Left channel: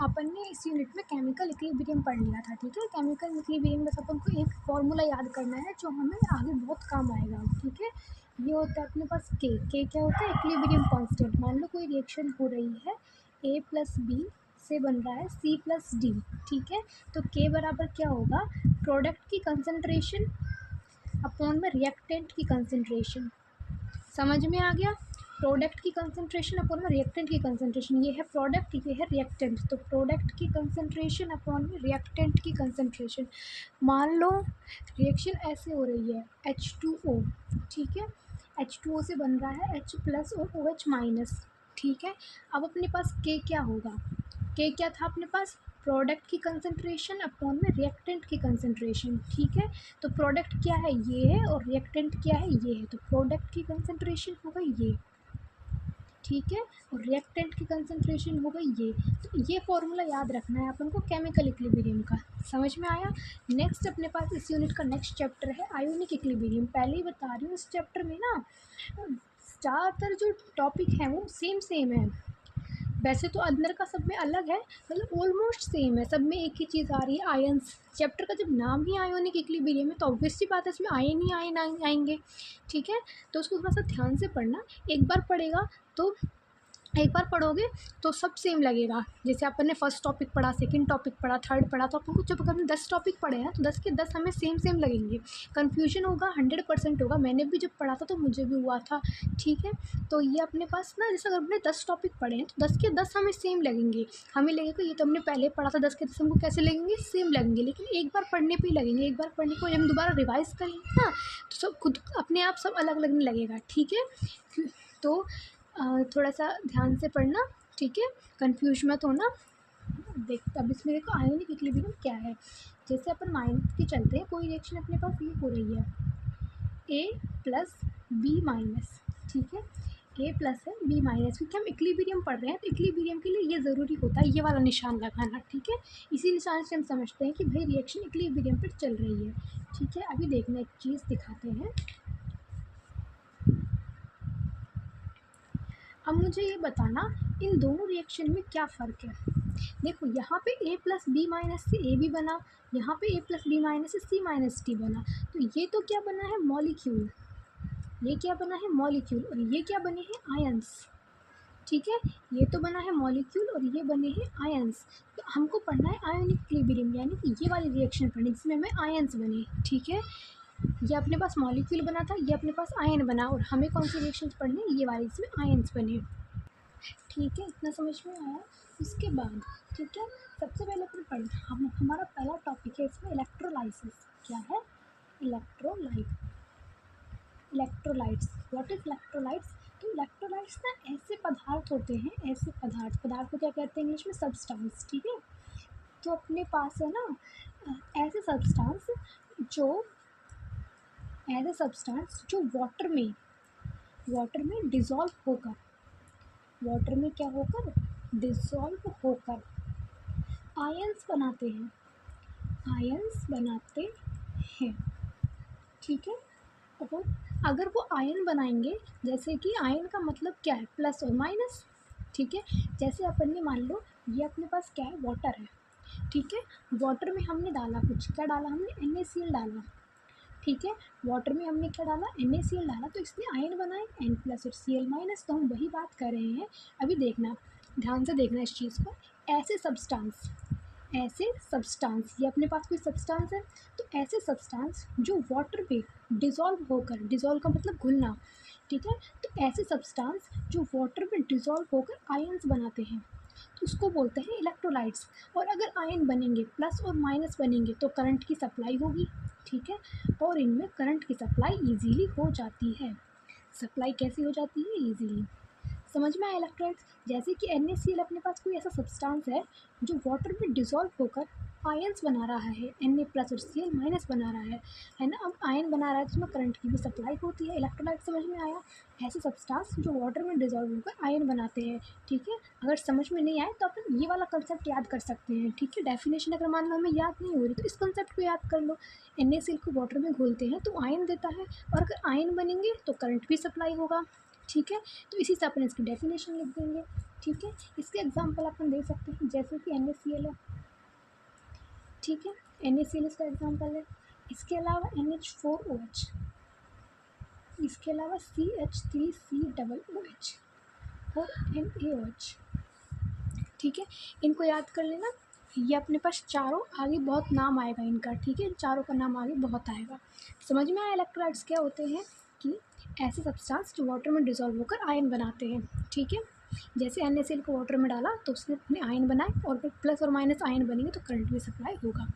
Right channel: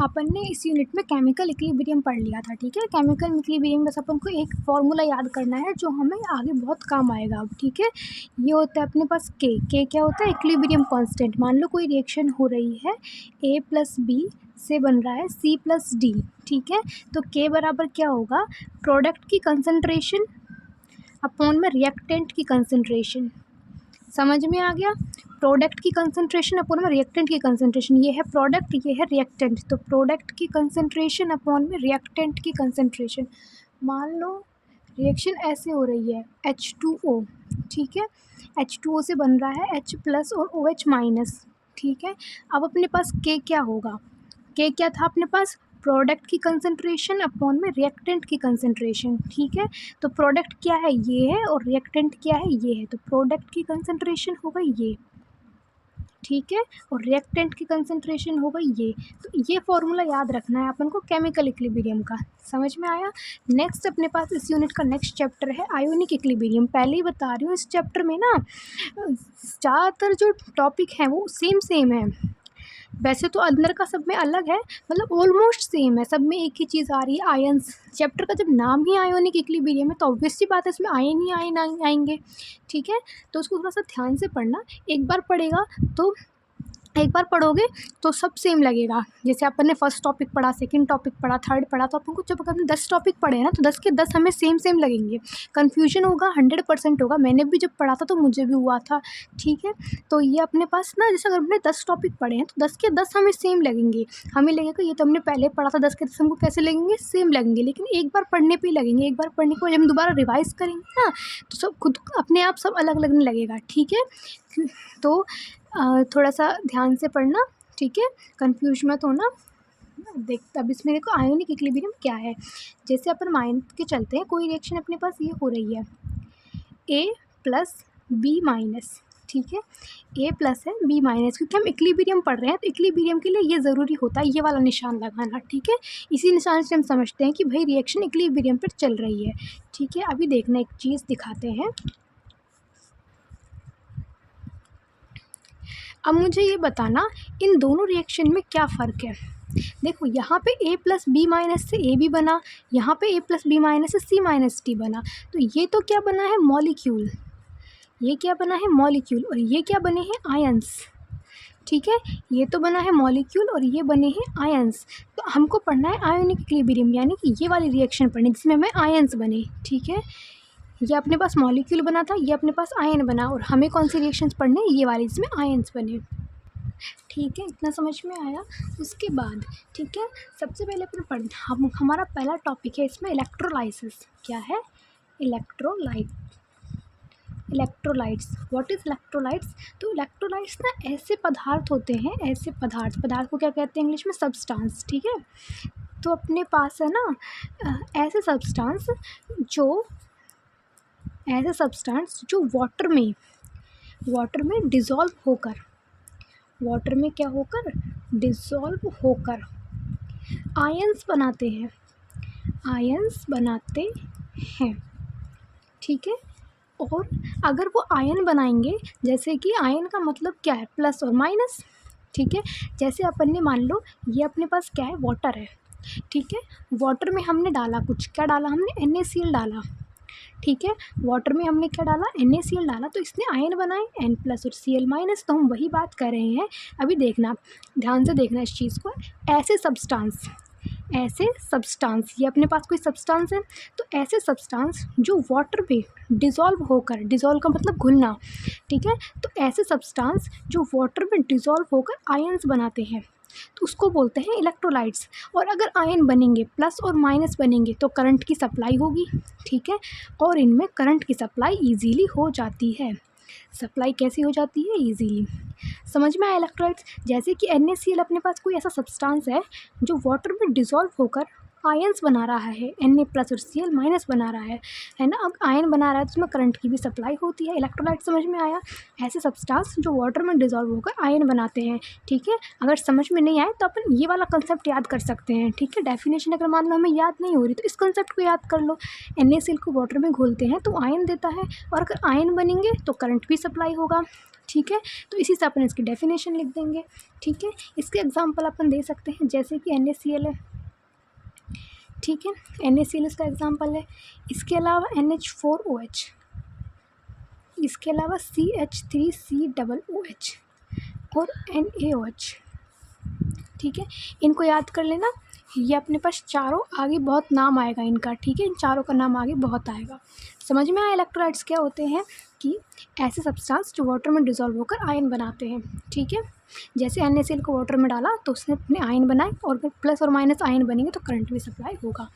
अपन ने इस यूनिट में केमिकल इक्विलिब्रियम पढ़ लिया था, ठीक है। केमिकल इक्विलिब्रियम बस अपन को एक फॉर्मूला याद करना है जो हमें आगे बहुत काम आएगा अब, ठीक है। ये होता है अपने पास के क्या होता है, इक्विलिब्रियम कांस्टेंट। मान लो कोई रिएक्शन हो रही है, A + B से बन रहा है C + D, ठीक है। तो के बराबर क्या होगा, प्रोडक्ट की कंसंट्रेशन अपॉन में रिएक्टेंट की कंसंट्रेशन। समझ में आ गया, प्रोडक्ट की कंसंट्रेशन अपॉन में रिएक्टेंट की कंसंट्रेशन। ये है प्रोडक्ट, ये है रिएक्टेंट, तो प्रोडक्ट की कंसंट्रेशन अपॉन में रिएक्टेंट की कंसंट्रेशन। मान लो रिएक्शन ऐसे हो रही है, H2O, ठीक है। H2O से बन रहा है H+ और OH-, ठीक है। अब अपने पास के क्या होगा, के क्या था अपने पास, प्रोडक्ट की कंसंट्रेशन अपॉन में रिएक्टेंट की कंसंट्रेशन, ठीक है। तो प्रोडक्ट क्या है, ये है, और रिएक्टेंट क्या है, ये है। तो प्रोडक्ट की कंसंट्रेशन होगा ये, ठीक है, और रिएक्टेंट की कंसंट्रेशन होगा ये। तो ये फॉर्मूला याद रखना है अपन को केमिकल इक्विलिब्रियम का। समझ में आया। नेक्स्ट अपने पास इस यूनिट का नेक्स्ट चैप्टर है आयोनिक इक्विलिब्रियम। पहले ही बता रही हूँ, इस चैप्टर में ना ज़्यादातर जो टॉपिक हैं वो सेम है। वैसे तो अंदर का सब में अलग है, मतलब ऑलमोस्ट सेम है, सब में एक ही चीज़ आ रही है, आयन्स। चैप्टर का जब नाम ही आयोनिक इक्विलिब्रियम है तो ऑब्वियस सी बात है इसमें आयन ही आयन आएंगे, ठीक है। तो उसको थोड़ा सा ध्यान से पढ़ना, एक बार पढ़ेगा तो एक बार पढ़ोगे तो सब सेम लगेगा। जैसे अपन ने फर्स्ट टॉपिक पढ़ा, सेकंड टॉपिक पढ़ा, थर्ड पढ़ा, तो अपन को जब अपन 10 टॉपिक पढ़े हैं ना तो 10 के 10 हमें सेम लगेंगे। कन्फ्यूजन होगा, 100% होगा। मैंने भी जब पढ़ा था तो मुझे भी हुआ था, ठीक है। तो ये अपने पास ना, जैसे अगर हमने 10 टॉपिक पढ़े हैं तो 10 के 10 हमें सेम लगेंगे। हमें लगेगा ये तो हमने पहले पढ़ा था, 10 के 10 हमको कैसे लगेंगे, सेम लगेंगे। लेकिन एक बार पढ़ने पर ही लगेंगे। एक बार पढ़ने के बाद जब हम दोबारा रिवाइज़ करेंगे ना तो सब खुद अपने आप सब अलग लगने लगेगा, ठीक है। तो थोड़ा सा ध्यान से पढ़ना, ठीक है, कंफ्यूज मत होना। देख अब इसमें देखो आयोनिक इक्विलिब्रियम क्या है। जैसे अपन मान के चलते हैं कोई रिएक्शन अपने पास ये हो रही है, A + B-, ठीक है। A+ है, B-, क्योंकि हम इक्विलिब्रियम पढ़ रहे हैं तो इक्विलिब्रियम के लिए ये ज़रूरी होता है ये वाला निशान लगाना, ठीक है। इसी निशान से हम समझते हैं कि भाई रिएक्शन इक्विलिब्रियम पर चल रही है, ठीक है। अभी देखना एक चीज़ दिखाते हैं। अब मुझे ये बताना इन दोनों रिएक्शन में क्या फ़र्क है। देखो यहाँ पे A + B- से AB बना, यहाँ पे A + B- से C- D बना। तो ये तो क्या बना है, मॉलिक्यूल। ये क्या बना है, मॉलिक्यूल। और ये क्या बने हैं, आयंस, ठीक है। ये तो बना है मॉलिक्यूल और ये बने हैं आयंस। तो हमको पढ़ना है आयोनिक इक्विलिब्रियम, यानी कि ये वाली रिएक्शन पढ़नी जिसमें हमें आयंस बने, ठीक है। ये अपने पास मॉलिक्यूल बना था, ये अपने पास आयन बना, और हमें कौन सी रिएक्शंस पढ़ने, ये वाली जिसमें आयंस बने, ठीक है। इतना समझ में आया। उसके बाद ठीक है, सबसे पहले अपन पढ़ हमारा पहला टॉपिक है इसमें इलेक्ट्रोलाइसिस। क्या है, इलेक्ट्रोलाइट्स। What is electrolytes. तो इलेक्ट्रोलाइट्स ना ऐसे पदार्थ होते हैं, ऐसे पदार्थ को क्या कहते हैं इंग्लिश में, सब्सटेंस, ठीक है। तो अपने पास है ना ऐसे सब्सटेंस जो वाटर में डिज़ोल्व होकर आयंस बनाते हैं, ठीक है। और अगर वो आयन बनाएंगे, जैसे कि आयन का मतलब क्या है, प्लस और माइनस, ठीक है। जैसे अपन ने मान लो ये अपने पास क्या है, वाटर है, ठीक है। वाटर में हमने डाला कुछ, क्या डाला हमने, NaCl डाला, ठीक है। वाटर में हमने क्या डाला, NaCl डाला, तो इसने आयन बनाए N+ और Cl-। तो हम वही बात कर रहे हैं। अभी देखना, ध्यान से देखना इस चीज़ को। ऐसे सब्सटेंस ये अपने पास कोई सब्सटेंस है, तो ऐसे सब्सटेंस जो वाटर में डिज़ोल्व का मतलब घुलना, ठीक है। तो ऐसे सब्सटेंस जो वाटर में डिज़ोल्व होकर आयंस बनाते हैं तो उसको बोलते हैं इलेक्ट्रोलाइट्स। और अगर आयन बनेंगे, प्लस और माइनस बनेंगे, तो करंट की सप्लाई होगी, ठीक है। और इनमें करंट की सप्लाई ईजीली हो जाती है। सप्लाई कैसी हो जाती है, ईजीली। समझ में आया इलेक्ट्रोलाइट्स। जैसे कि NaCl अपने पास कोई ऐसा सब्सटेंस है जो वाटर में डिज़ोल्व होकर आयंस बना रहा है, Na+ और Cl- बना रहा है ना। अब आयन बना रहा है तो उसमें करंट की भी सप्लाई होती है। इलेक्ट्रोलाइट समझ में आया, ऐसे सब्सटेंस जो वाटर में डिज़ोल्व होकर आयन बनाते हैं, ठीक है। अगर समझ में नहीं आए तो अपन ये वाला कंसेप्ट याद कर सकते हैं, ठीक है। डेफिनेशन अगर मान लो हमें याद नहीं हो रही तो इस कंसेप्ट को याद कर लो। NaCl को वाटर में घोलते हैं तो आयन देता है, और अगर आयन बनेंगे तो करंट भी सप्लाई होगा, ठीक है। तो इसी से अपन इसकी डेफिनेशन लिख देंगे, ठीक है। इसके एग्जांपल अपन दे सकते हैं, जैसे कि NaCl है, ठीक है, NaCl इसका एग्जांपल है। इसके अलावा NH4OH, इसके अलावा CH3COOH और NaOH, ठीक है। इनको याद कर लेना, ये अपने पास चारों, आगे बहुत नाम आएगा इनका, ठीक है। इन चारों का नाम आगे बहुत आएगा। समझ में आया इलेक्ट्रोलाइट्स क्या होते हैं, कि ऐसे सब्सटेंस जो वाटर में डिसॉल्व होकर आयन बनाते हैं, ठीक है। जैसे NaCl को वाटर में डाला तो उसने अपने आयन बनाए, और अगर प्लस और माइनस आयन बनेंगे तो करंट भी सप्लाई होगा,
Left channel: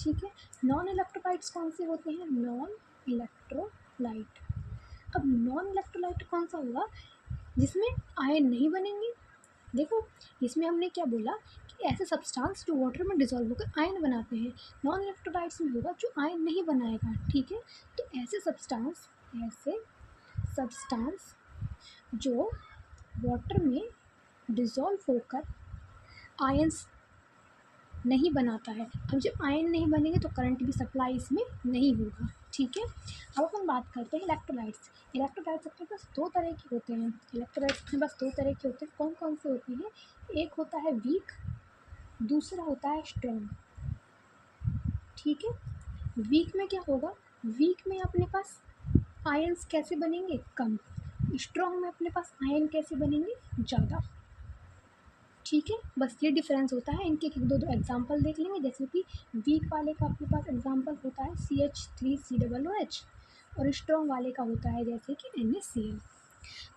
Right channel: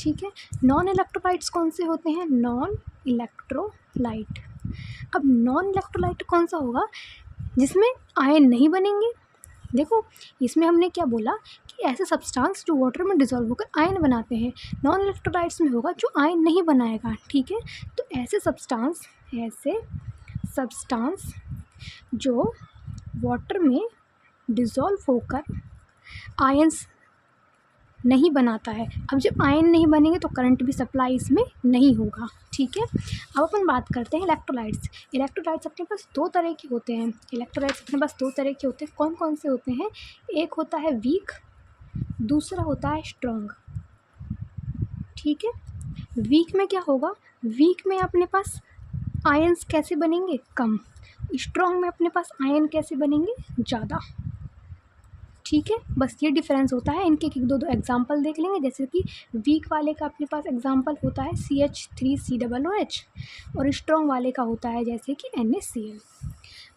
ठीक है। नॉन इलेक्ट्रोलाइट्स कौन से होते हैं, नॉन इलेक्ट्रोलाइट। अब नॉन इलेक्ट्रोलाइट कौन सा होगा, जिसमें आयन नहीं बनेंगे। देखो इसमें हमने क्या बोला, कि ऐसे सब्सटेंस जो वाटर में डिसॉल्व होकर आयन बनाते हैं। नॉन इलेक्ट्रोलाइट्स में होगा जो आयन नहीं बनाएगा, ठीक है। तो ऐसे सब्सटेंस जो वाटर में डिसॉल्व होकर आयन्स नहीं बनाता है। अब जब आयन नहीं बनेंगे तो करंट भी सप्लाई इसमें नहीं होगा, ठीक है। अब अपन बात करते हैं इलेक्ट्रोलाइट्स। इलेक्ट्रोलाइट्स अपने पास दो तरह के होते हैं। इलेक्ट्रोलाइट्स अपने पास दो तरह के होते हैं। कौन कौन से होते हैं, एक होता है वीक, दूसरा होता है स्ट्रॉन्ग, ठीक है। वीक में क्या होगा, वीक में अपने पास आयन्स कैसे बनेंगे, कम। स्ट्रॉन्ग में अपने पास आयन कैसे बनेंगे, ज़्यादा, ठीक है। बस ये डिफरेंस होता है। इनके एक दो एग्जांपल देख लेंगे। जैसे कि वीक वाले का अपने पास एग्जांपल होता है CH3COOH, और स्ट्रॉन्ग वाले का होता है जैसे कि NaCl।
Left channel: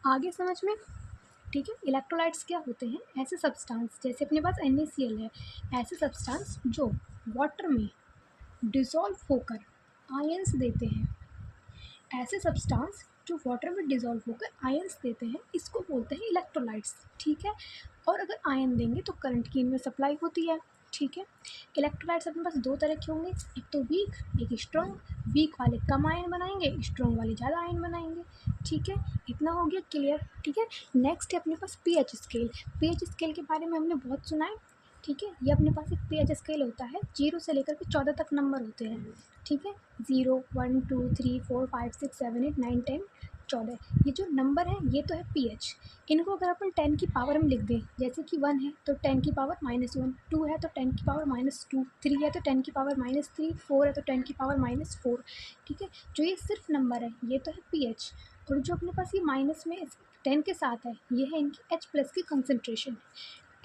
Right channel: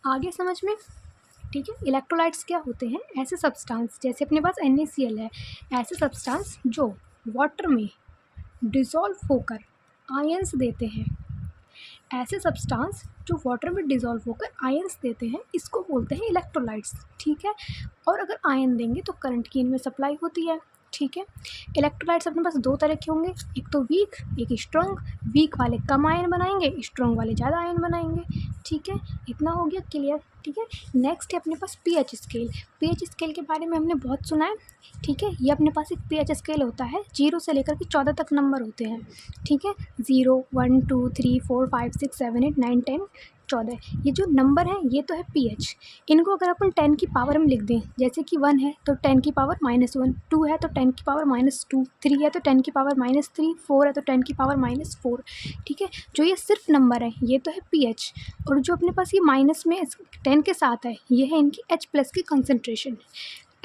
आगे समझ में, ठीक है। इलेक्ट्रोलाइट्स क्या होते हैं, ऐसे सब्सटेंस, जैसे अपने पास NaCl है, ऐसे सब्सटेंस जो वाटर में डिसॉल्व होकर आयन्स देते हैं। ऐसे सब्सटेंस जो वाटर में डिसॉल्व होकर आयन्स देते हैं, इसको बोलते हैं इलेक्ट्रोलाइट्स, ठीक है। और अगर आयन देंगे तो करंट की इनमें सप्लाई होती है, ठीक है। इलेक्ट्रोलाइट्स अपने पास दो तरह के होंगे, एक तो वीक, एक स्ट्रॉन्ग। वीक वाले कम आयन बनाएंगे, स्ट्रॉन्ग वाले ज़्यादा आयन बनाएंगे, ठीक है। इतना हो गया क्लियर, ठीक है। नेक्स्ट है अपने पास pH स्केल। pH स्केल के बारे में हमने बहुत सुना है, ठीक है। ये अपने पास एक pH स्केल होता है, 0 से लेकर के 14 तक नंबर होते हैं, ठीक है। 0 1 2 3 4 5 6 7 8 9 10 14, ये जो नंबर है ये तो है pH। इनको अगर अपन 10 की पावर में लिख दें, जैसे कि 1 है तो 10 की पावर -1, 2 है तो 10 की पावर -2, 3 है तो 10 की पावर -3, 4 है तो 10 की पावर -4, ठीक है। जो ये सिर्फ नंबर है ये तो है pH, और जो अपने पास ये माइनस में 10 के साथ है, ये है इनकी H+ की कंसनट्रेशन।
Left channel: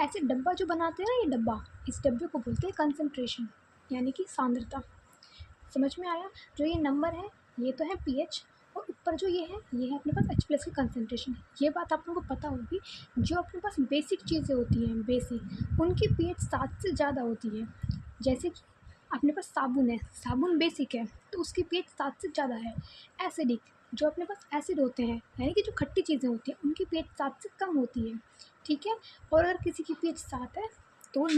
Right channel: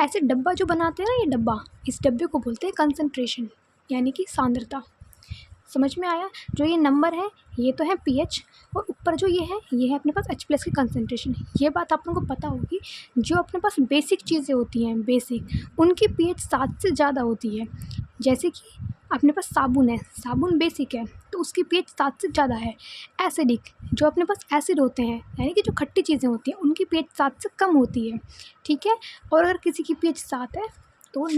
ऐसे डब्बा जो बनाते हैं ना, ये डब्बा, इस डब्बे को बोलते हैं कंसनट्रेशन, यानी कि सांद्रता। समझ में आया, जो ये नंबर है ये तो है pH, और ऊपर जो ये है अपने पास H+ की कंसनट्रेशन। ये बात आप लोगों को पता होगी, जो अपने पास बेसिक चीज़ें होती हैं, बेसिक, उनकी pH 7 से ज़्यादा होती है। जैसे कि अपने पास साबुन है, साबुन बेसिक है तो उसकी pH 7 से ज़्यादा है। एसिडिक, जो अपने पास एसिड होते हैं, यानी कि जो खट्टी चीज़ें होती हैं, उनकी pH 7 से कम होती है, ठीक है। और अगर किसी की pH 7 है तो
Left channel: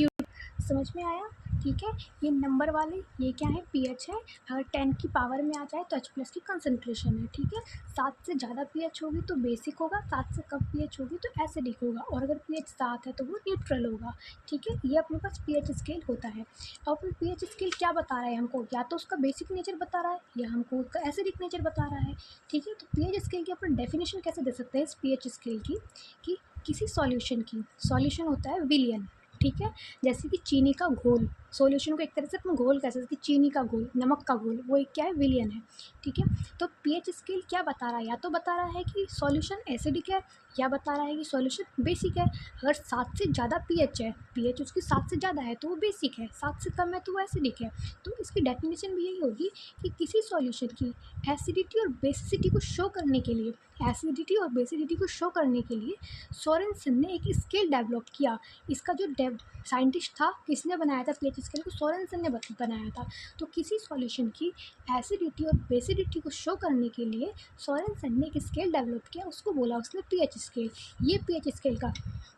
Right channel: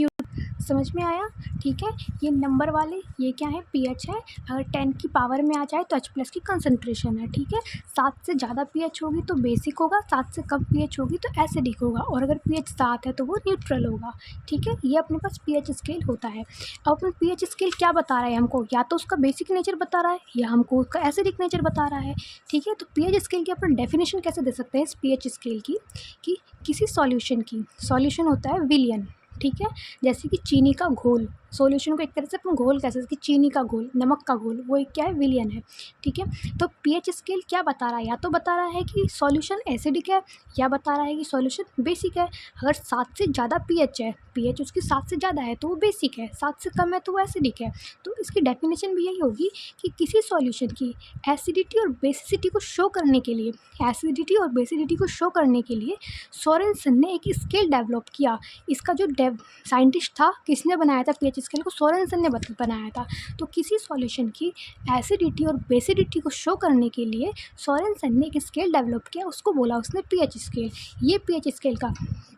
समझ में आया, ठीक है। ये नंबर वाले ये क्या है, pH है। अगर 10 की पावर में आ जाए तो H+ की कंसनट्रेशन है, ठीक है। 7 से ज़्यादा pH होगी तो बेसिक होगा, 7 से कम pH होगी तो एसिडिक होगा, और अगर pH 7 है तो वो न्यूट्रल होगा, ठीक है। ये अपने पास pH स्केल होता है। अब अपन pH स्केल क्या बता रहा है हमको, या तो उसका बेसिक नेचर बता रहा है या हमको उसका एसिडिक नेचर बता रहा है, ठीक है। तो pH स्केल की अपन डेफिनेशन कैसे दे सकते हैं इस pH स्केल की, कि किसी सॉल्यूशन की, सॉल्यूशन होता है विलियन, ठीक है। जैसे कि चीनी का घोल, सॉल्यूशन को एक तरह से अपन घोल कह सकते हैं, कि चीनी का घोल, नमक का घोल, वो एक क्या है, विलियन है, ठीक है। तो pH स्केल क्या बता रहा है, या तो बता रहा है कि सॉल्यूशन एसिडिक है, या बता रहा है कि सॉल्यूशन बेसिक है। अगर 7 से ज़्यादा pH है, pH उसकी 7 से ज़्यादा है तो वो बेसिक है, 7 से कम है तो वो एसिडिक है। तो इसकी डेफिनेशन भी यही होगी कि किसी सॉल्यूशन की एसिडिटी और बेसिसिटी को शो करने के लिए, एसिडिटी और बेसिसिटी को शो करने के लिए सोरेनसन ने एक स्केल डेवलप किया। इसका जो साइंटिस्ट था, किसने बनाया था pH स्केल को, सोरेनसन ने बनाया था। तो किसी सॉल्यूशन की एसिडिटी और बेसिडिटी को शो करने के लिए सोरेनसन ने एक स्केल डेवलप किया, उसको बोला उसने pH स्केल। ये pH स्केल का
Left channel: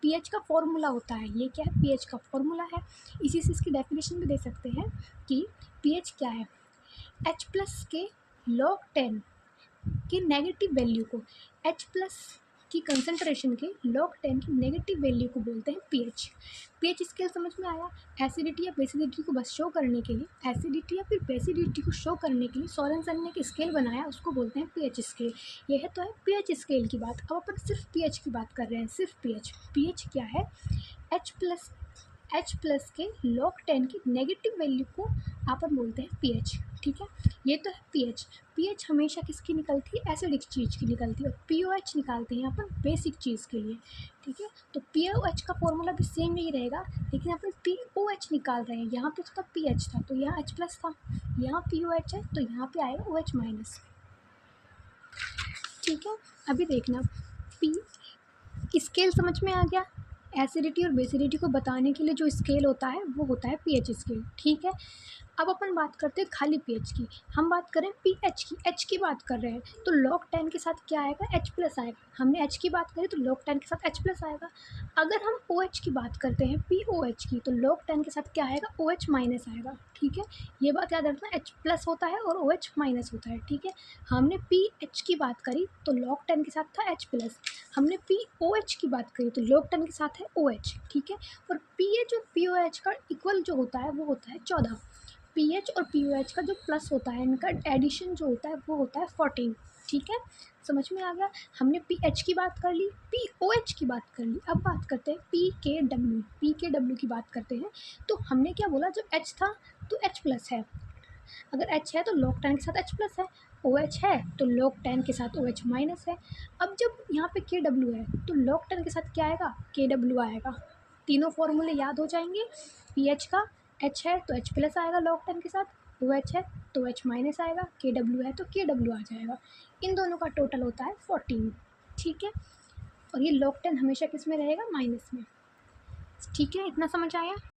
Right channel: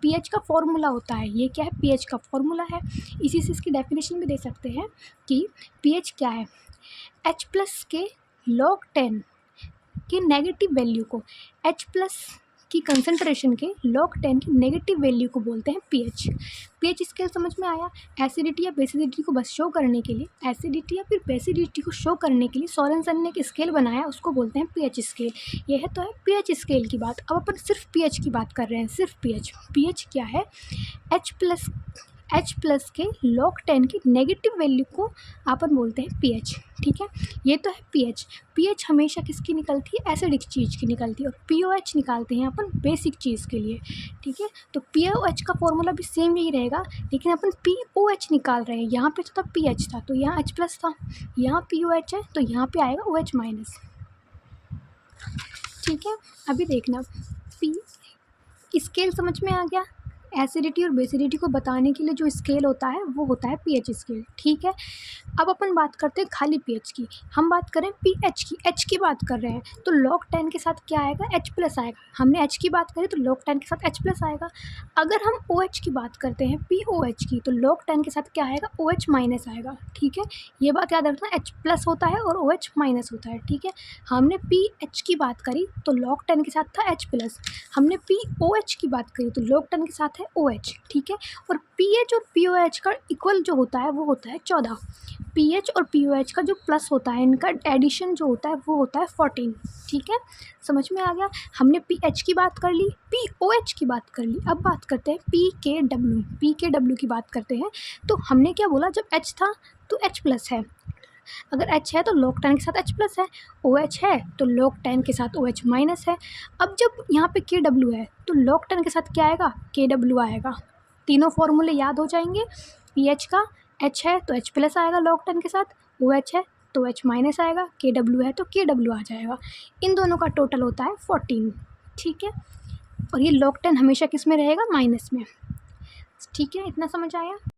pH का फॉर्मूला होता है, ये क्या है, pH का फॉर्मूला है। इसी से इसकी डेफिनेशन भी दे सकते हैं कि pH क्या है, H+ के log 10 की नेगेटिव वैल्यू को, H+ कि कंसंट्रेशन के log 10 की नेगेटिव वैल्यू को बोलते हैं pH। pH स्केल समझ में आया। एसिडिटी या बेसिडिटी को बस शो करने के लिए, एसिडिटी या फिर बेसिडिटी को शो करने के लिए सोरेनसन ने एक स्केल बनाया, उसको बोलते हैं pH स्केल। यह तो है pH स्केल की बात। अब अपन सिर्फ pH की बात कर रहे हैं, सिर्फ pH। pH क्या है? H+ के log 10 की नेगेटिव वैल्यू को अपन बोलते हैं pH। ठीक है, ये तो है pH। pH हमेशा किसकी निकलती है? एसिडिक चीज़ की निकलती है। और pOH निकालते हैं अपन बेसिक चीज़ के लिए। ठीक है, तो pOH का फॉर्मूला भी सेम यही रहेगा, लेकिन अपन pOH निकाल रहे हैं। यहाँ पे तो था pH था, तो यहाँ H+ था, यहाँ pOH है, तो यहाँ पे आएगा OH-। ठीक है, अभी देखना, P स्केल समझ में आ गया। एसिडिटी और बेसिडिटी को बताने के लिए जो स्केल होता है वो होता है pH स्केल। ठीक है, अब अपन बात करते हैं खाली pH की। हम बात करें pH की, H की बात कर रहे हैं, तो log 10 के साथ क्या आएगा? H+ आएगा। हमने H की बात करी तो log 10 के साथ H+ आएगा। अगर हम OH की बात करते हैं, POH की, तो log 10 के साथ क्या आएगा? OH- आएगा। ठीक है, ये बात याद रखना, H+ होता है और OH- होता है। ठीक है, हमने pH की बात करी तो log 10 के साथ था H+, हमने POH की बात करी तो log 10 के साथ है OH। ठीक है, और pH और POH का इक्वल जो होता है वो होता है 14। pH और POH का जो प्लस होता है, इनका एडिशन जो होता है वो होता है 14। ठीक है, समझ में आ गया। हमने pH की बात कर ली, POH की बात कर ली। अब बात करते हैं pKW की बात करते हैं। तो हमने क्या बोला? जब H था तो H+ है, अगर H है तो log 10 के साथ H+ है, OH है तो log 10 के साथ OH- है। अब जब यहाँ पे KW है तो log 10 के साथ क्या आएगा? KW आएगा। तीनों फॉर्मूले याद हो जाएंगे। pH का H है तो H+ आएगा log 10 के साथ, OH है तो OH- आएगा, KW है तो KW आ जाएगा। इन दोनों का टोटल होता है 14। ठीक है, और ये log 10 हमेशा किस में रहेगा? माइनस में। ठीक है, इतना समझ आया।